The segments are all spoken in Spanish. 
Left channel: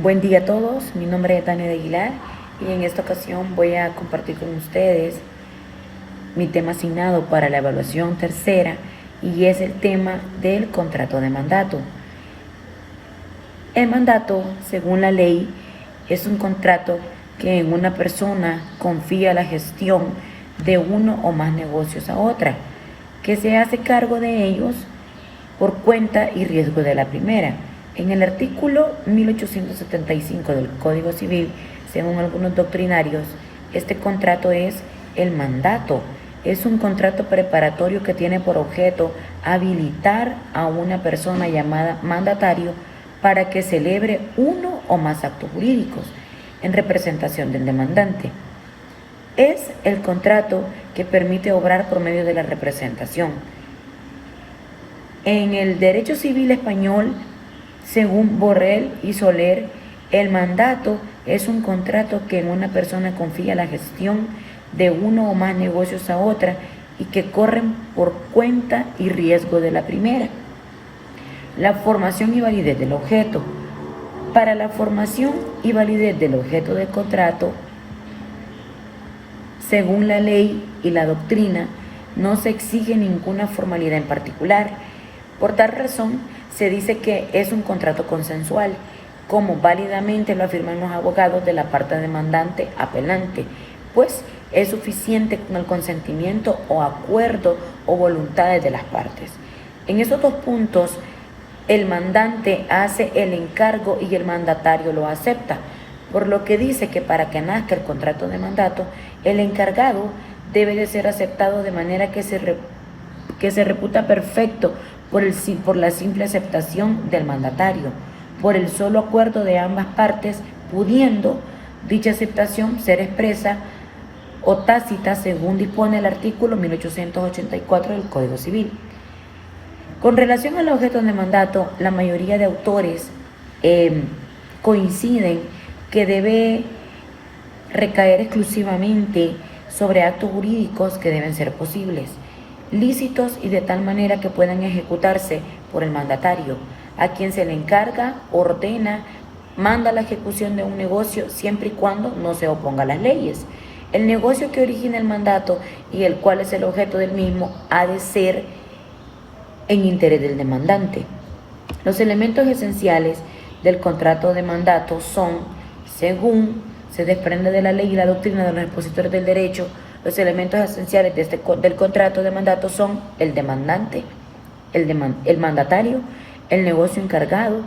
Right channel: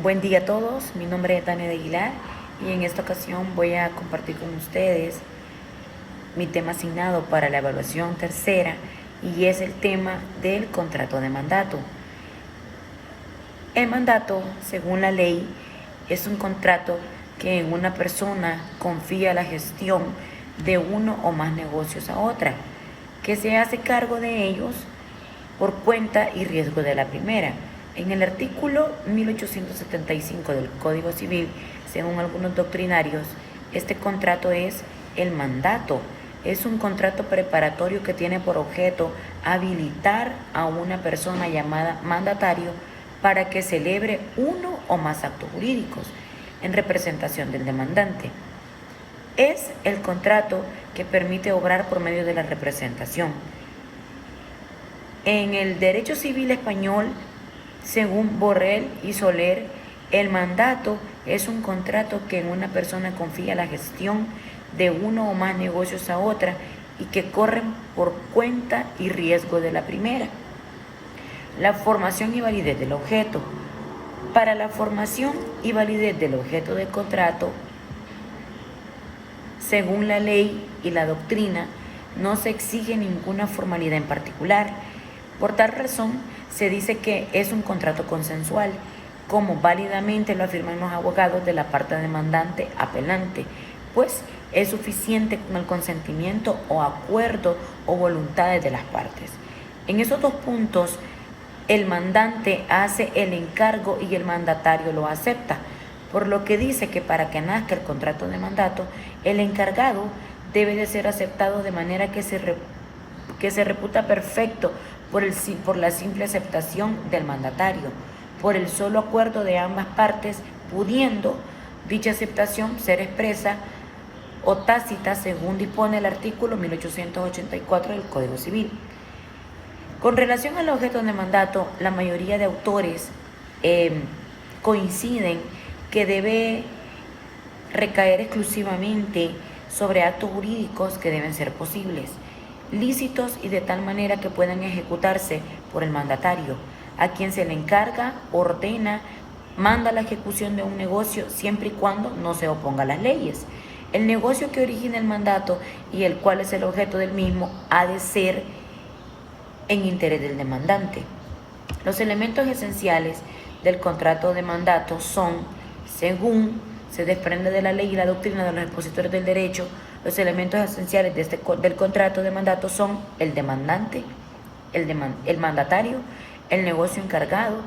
Buen día a todos, mi nombre es Tania de Aguilar y en esta ocasión voy a compartir con ustedes mi tema asignado para la evaluación tercera y es el tema del contrato de mandato. El mandato, según la ley, es un contrato que en una persona confía la gestión de uno o más negocios a otra, que se hace cargo de ellos por cuenta y riesgo de la primera. En el artículo 1875 del Código Civil, según algunos doctrinarios, este contrato es el mandato. Es un contrato preparatorio que tiene por objeto habilitar a una persona llamada mandatario para que celebre uno o más actos jurídicos en representación del demandante. Es el contrato que permite obrar por medio de la representación. En el derecho civil español, según Borrell y Soler, el mandato es un contrato que en una persona confía la gestión de uno o más negocios a otra y que corren por cuenta y riesgo de la primera. La formación y validez del objeto. Para la formación y validez del objeto del contrato, según la ley y la doctrina, no se exige ninguna formalidad en particular. Por tal razón, se dice que es un contrato consensual, como válidamente lo afirman los abogados de la parte demandante apelante, pues es suficiente con el consentimiento o acuerdo o voluntades de las partes. En esos dos puntos, el mandante hace el encargo y el mandatario lo acepta, por lo que dice que para que nazca el contrato de mandato, el encargado debe de ser aceptado de manera que se reputa perfecto por la simple aceptación del mandatario, por el solo acuerdo de ambas partes, pudiendo dicha aceptación ser expresa o tácita según dispone el artículo 1884 del Código Civil. Con relación al objeto de mandato, la mayoría de autores coinciden que debe recaer exclusivamente sobre actos jurídicos que deben ser posibles, lícitos y de tal manera que puedan ejecutarse por el mandatario, a quien se le encarga, ordena, manda la ejecución de un negocio siempre y cuando no se oponga a las leyes. El negocio que origina el mandato y el cual es el objeto del mismo ha de ser en interés del demandante. Los elementos esenciales del contrato de mandato son, según se desprende de la ley y la doctrina de los expositores del derecho, los elementos esenciales del contrato de mandato son el demandante, el mandatario, el negocio encargado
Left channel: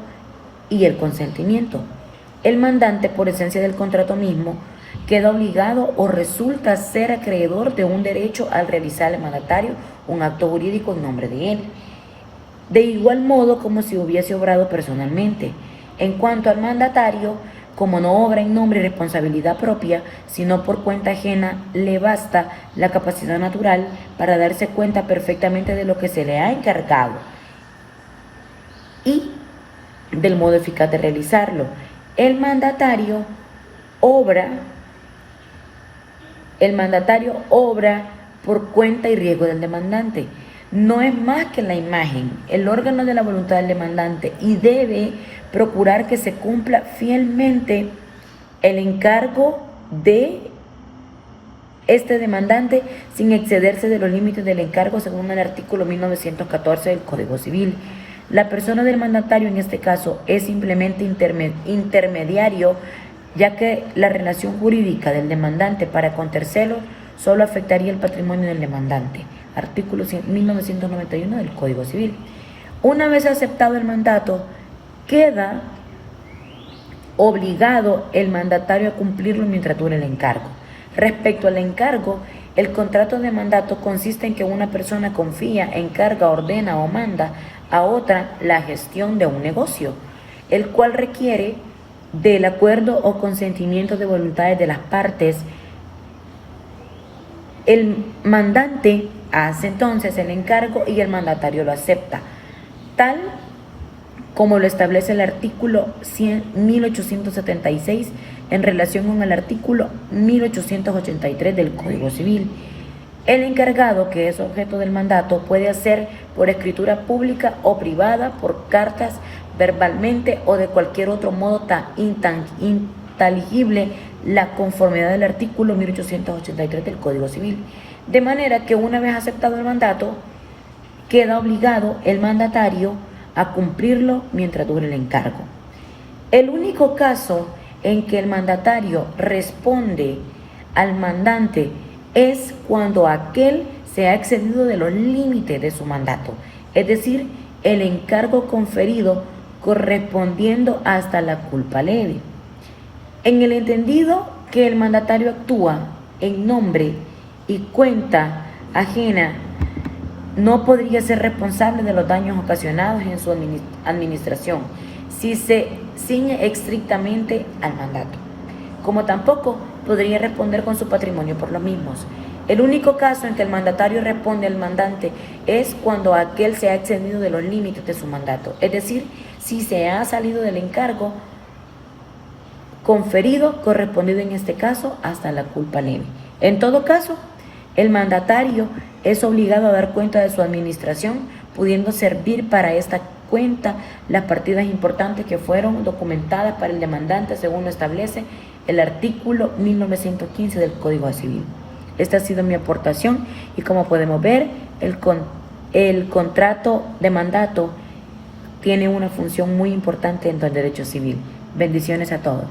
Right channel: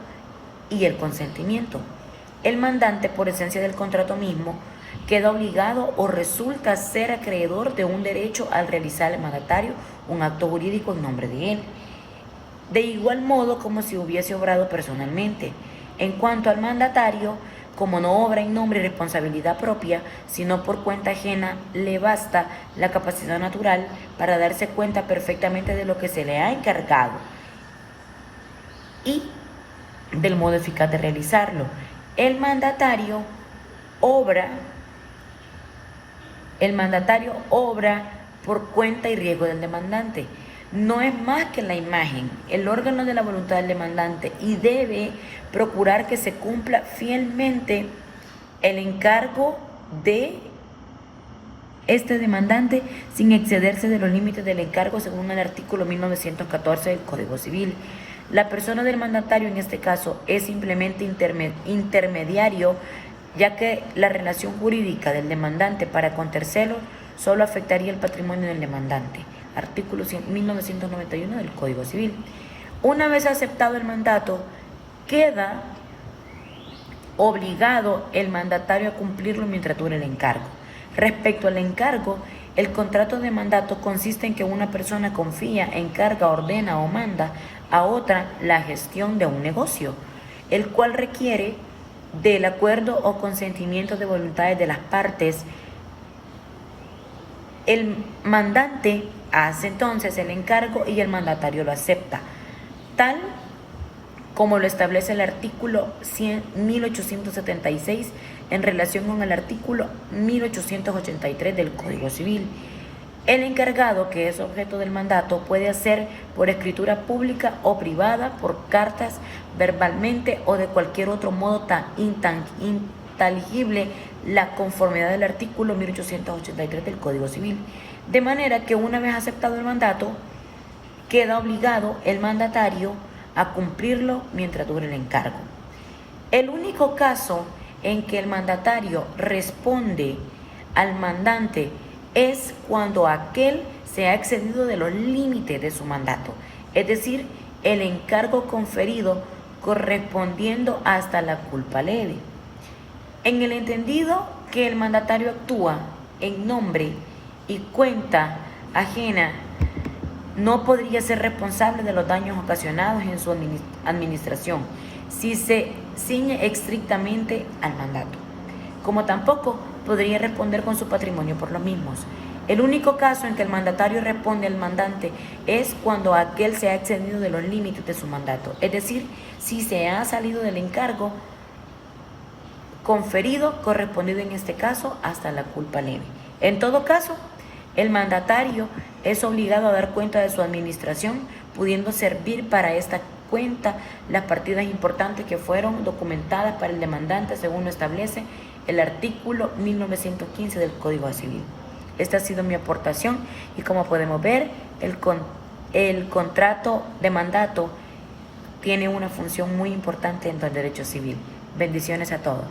y el consentimiento. El mandante, por esencia del contrato mismo, queda obligado o resulta ser acreedor de un derecho al realizar al mandatario un acto jurídico en nombre de él, de igual modo como si hubiese obrado personalmente. En cuanto al mandatario, como no obra en nombre y responsabilidad propia, sino por cuenta ajena, le basta la capacidad natural para darse cuenta perfectamente de lo que se le ha encargado y del modo eficaz de realizarlo. El mandatario obra por cuenta y riesgo del demandante. No es más que la imagen, el órgano de la voluntad del demandante, y debe procurar que se cumpla fielmente el encargo de este demandante sin excederse de los límites del encargo según el artículo 1914 del Código Civil. La persona del mandatario en este caso es simplemente intermediario, ya que la relación jurídica del demandante para con terceros solo afectaría el patrimonio del demandante. Artículo 1991 del Código Civil. Una vez aceptado el mandato, queda obligado el mandatario a cumplirlo mientras dure el encargo. Respecto al encargo, el contrato de mandato consiste en que una persona confía, encarga, ordena o manda a otra la gestión de un negocio, el cual requiere del acuerdo o consentimiento de voluntades de las partes. El mandante hace entonces el encargo y el mandatario lo acepta, tal como lo establece el artículo 1876 en relación con el artículo 1883 del Código Civil. El encargado, que es objeto del mandato, puede hacer por escritura pública o privada, por cartas, verbalmente o de cualquier otro modo tan inteligible la conformidad del artículo 1883 del Código Civil. De manera que una vez aceptado el mandato, queda obligado el mandatario a cumplirlo mientras dure el encargo. El único caso en que el mandatario responde al mandante es cuando aquel se ha excedido de los límites de su mandato, es decir, el encargo conferido correspondiendo hasta la culpa leve. En el entendido que el mandatario actúa en nombre y cuenta ajena, no podría ser responsable de los daños ocasionados en su administración si se ciñe estrictamente al mandato, como tampoco podría responder con su patrimonio por los mismos. El único caso en que el mandatario responde al mandante es cuando aquel se ha excedido de los límites de su mandato, es decir, si se ha salido del encargo conferido, correspondido en este caso hasta la culpa leve. En todo caso, el mandatario es obligado a dar cuenta de su administración, pudiendo servir para esta cuenta las partidas importantes que fueron documentadas para el demandante según lo establece el artículo 1915 del Código Civil. Esta ha sido mi aportación y como podemos ver, el contrato de mandato tiene una función muy importante dentro del derecho civil. Bendiciones a todos.